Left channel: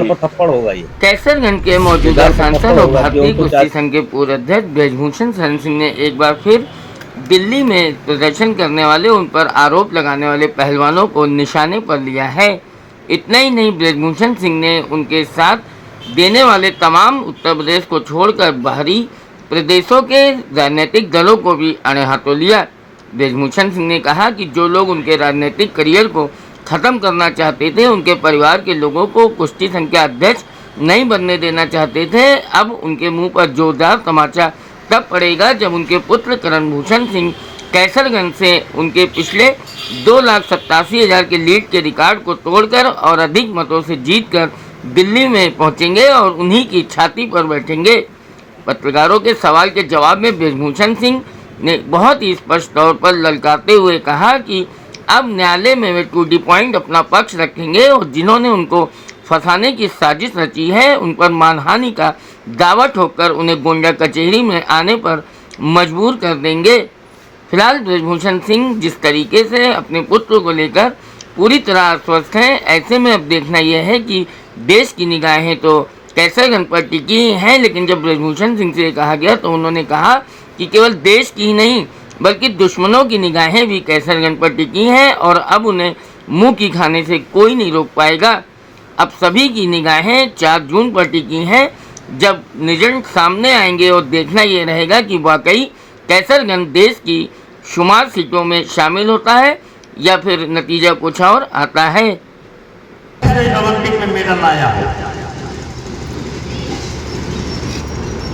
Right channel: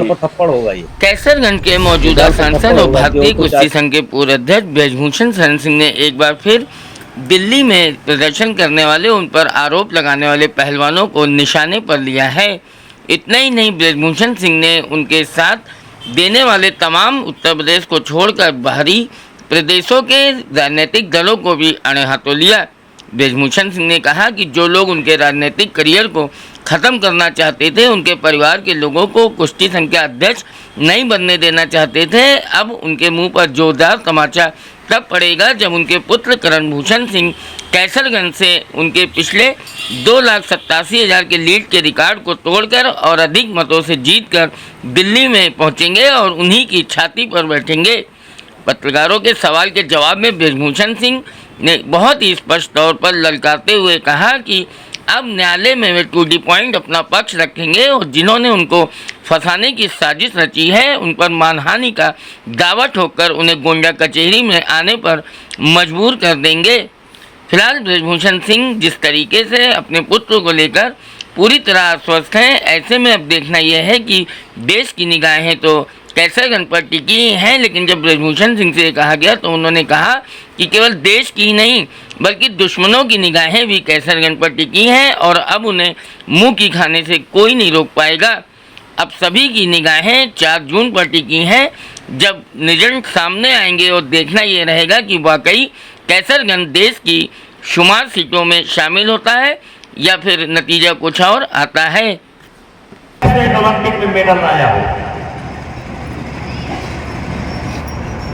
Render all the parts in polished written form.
पर थप्पड़ होगा ये। कैसरगंज के मौजूदा सांसद और भारतीय तो कुश्ती संघ के पूर्व अध्यक्ष ब्रजभूषण शरण सिंह ने एक बार फिर दिल्ली में प्रदर्शन करने वाले, उन पर आरोप लगाने वाले पहलवानों को निशाने पर लिया है। इतना ही नहीं, ब्रजभूषण सिंह ने उनके साथ देने वाले तमाम उत्तर प्रदेश को छोड़कर बाहरी प्रदेशों के राजनीतिक दलों को भी अड़े हाथों लिया। ब्रजभूषण सिंह ने कहा कि जो लोग उनके राजनीतिक करियर को ख़त्म करना चाहते थे, उनके परिवार के लोगों को कुश्ती संघ के अध्यक्ष नहीं बनने देना चाहते थे, अब उनके मुंह पर जोरदार तमाचा तब पड़ेगा जब उनके पुत्र करण भूषण सिंह कैसरगंज से उनके पिछले 2,87,000 के लीड के रिकॉर्ड को तोड़कर और अधिक मतों से जीतकर दिल्ली में पहुंचेंगे और उन्हीं की छाती पर बैठेंगे। पत्रकारों के सवाल के जवाब में ब्रजभूषण सिंह ने बहुत ही स्पष्ट तौर पर ललकारते हुए कहा कि अब न्यायालय में वे टू दी पॉइंट अपना पक्ष रखेंगे और जिन्होंने उनको फंसाने की साजिश रची है, उन पर मानहानि का दावा ठोककर उन्हें गोंडा कचहरी में आने पर मजबूर कर देंगे। फिलहाल ब्रजभूषण सिंह जिस तरीके से अपने पुत्र को लेकर पूरी तरह आश्वस्त हैं, ऐसे में अब देखना यह है कि देश की निगाहें तो कैसरगंज पर टिकी हैं, लेकिन जब ब्रजभूषण सिंह से कहा गया तो उन्होंने कहा कि केवल देश की ही नहीं बल्कि दुश्मनों की निगाहें भी कैसरगंज पर टिकी हैं और अब उन्हें मुंह की खाने से कोई नहीं रोक पाएगा। अब सभी की निगाहें 4 जून पर टिकी हैं, जब रिजल्ट सामने आएंगे और देखना ये रहेगा कि वाकई कैसरगंज देश की शुमार सीटों में शामिल होता है या फिर नतीजा कुछ और आता है। ओलंपिक में मेडल लाया।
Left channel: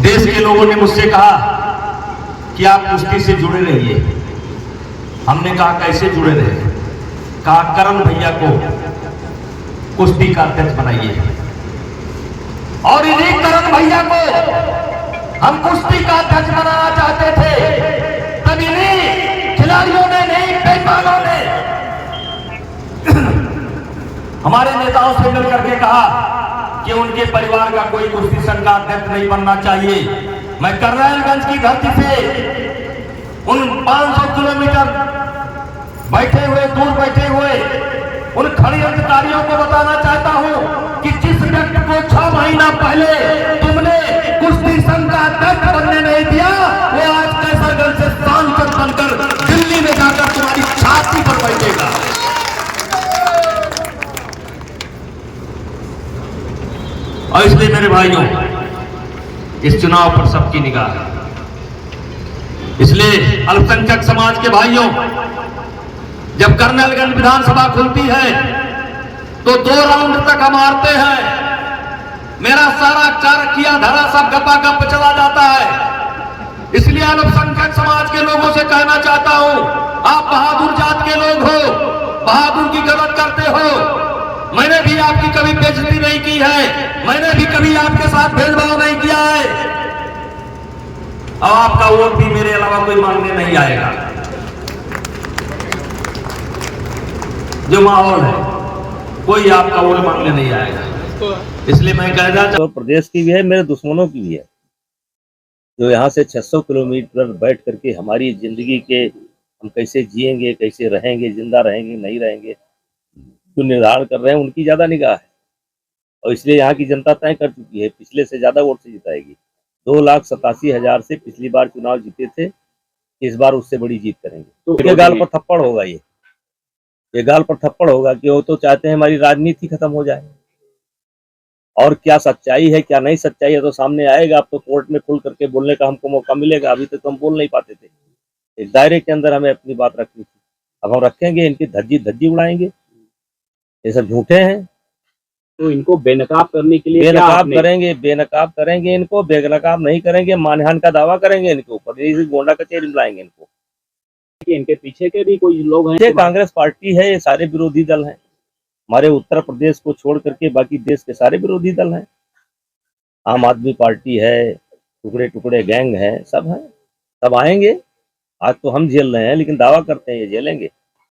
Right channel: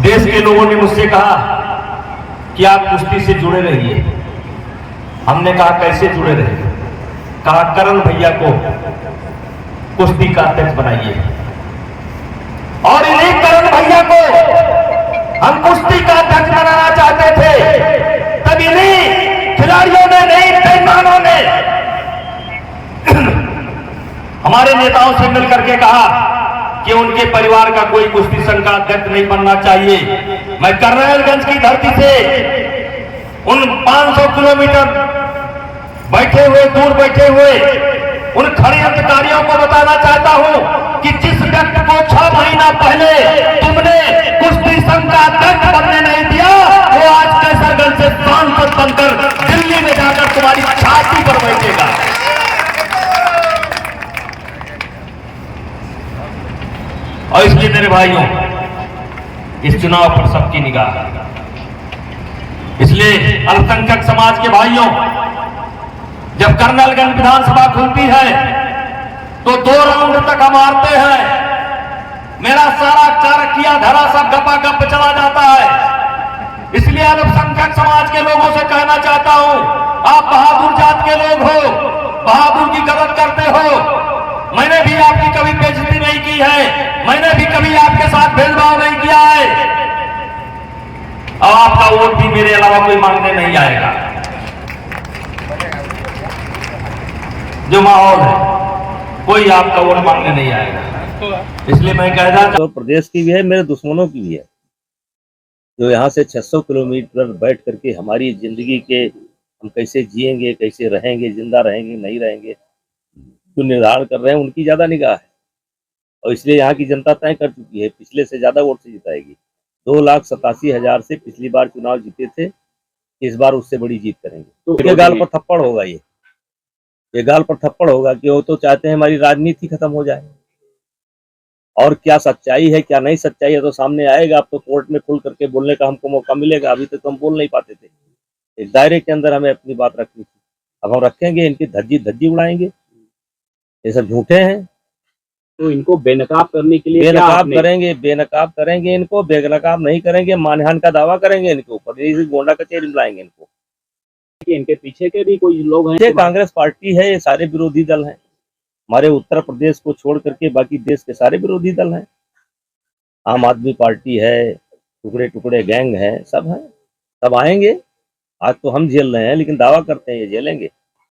देश के लोगों ने मुझसे कहा कि आप कुश्ती से जुड़े रहिए। हमने कहा कैसे जुड़े रहे? कहा करण भैया को कुश्ती का अध्यक्ष बनाइए और इन्हीं करण भैया को हम कुश्ती का अध्यक्ष बनाना चाहते थे। तब इन्हीं खिलाड़ियों ने, नहीं पहलवानों ने हमारे नेताओं से मिलकर के कहा कि उनके परिवार का कोई कुश्ती संघ का अध्यक्ष नहीं बनना चाहिए। मैं करनालगंज की धरती से उन 500 किलोमीटर बैठे हुए, दूर बैठे हुए उन खड़े अधिकारियों को बताना चाहता हूं कि जिस व्यक्ति को 6 महीना पहले तुमने कुश्ती संघ का अध्यक्ष बनने नहीं दिया, वो आज कैसरगंज से सांसद बनकर दिल्ली में जाकर तुम्हारी छाती पर बैठेगा। और इसलिए मेरे भाइयों, इस चुनाव पर सबकी निगाह है। इसलिए अल्पसंख्यक समाज के भाइयों, जब करनालगंज विधानसभा खुलती है तो 2 राउंड तक हम हारते हैं। मेरा सारा चाणक्य धरा सब गपा गप चला जाता है। इसलिए अल्पसंख्यक समाज के लोगों से कहना चाहता हूं, आप बहादुर जात के लोग हो, बहादुर की गलत करते हो। मैंने भी आपकी कभी बेइज्जती नहीं की है, मैंने भी कभी आपके साथ भेदभाव नहीं किया है। और आपका वोट भी मेरे अलावा कोई मांगने नहीं आएगा। जो माहौल है, कोई आपका वोट मांगने नहीं आएगा। इसलिए मैं कह रहा तो प्रदेश की भी है, मेरे दुश्मनों की भी है, जो यहाँ से 600 किलोमीटर बैठ करके हमारी जिंदगी के हम कैसे जिएंगे, कैसे रहेंगे, जिंदा रहेंगे, नहीं रहेंगे, जो निर्धारण कर रहे हैं, उनकी ज्यादा निगाह है। और इसलिए यहाँ की जनता तय कर चुकी है, पिछले से ज्यादा वोट से जिताएगी। 2,87,000 से पिछली बार चुनाव जीते थे, इस बार उससे बड़ी जीत करेंगे। तो ये गाल पर थप्पड़ होगा, ये गाल पर थप्पड़ होगा कि वो तो चाहते हैं हमारी राजनीति खत्म हो जाए। और क्या सच्चाई है, क्या नहीं सच्चाई है, तो सामने आएगा। अब तो कोर्ट में खुल करके बोलने का हमको मौका मिलेगा। अभी तक तो हम बोल नहीं पाते थे, एक दायरे के अंदर हमें अपनी बात रखनी थी। अब हम रखेंगे, इनकी धज्जी उड़ाएंगे। ये सब झूठे हैं, तो इनको बेनकाब करने के लिए बेनकाब करेंगे इनको, बेनकाब नहीं करेंगे, मानहानि का दावा करेंगे इनके ऊपर, इसी गोंडा कचहरी में लाएंगे इनको। इनके पीछे के भी कोई लोग हैं, कांग्रेस पार्टी है, ये सारे विरोधी दल हैं। हमारे उत्तर प्रदेश को छोड़ करके बाकी देश के सारे विरोधी दल हैं। आम आदमी पार्टी है, टुकड़े टुकड़े गैंग है, सब हैं, सब आएंगे। आज तो हम झेल रहे हैं, लेकिन दावा करते हैं ये झेलेंगे।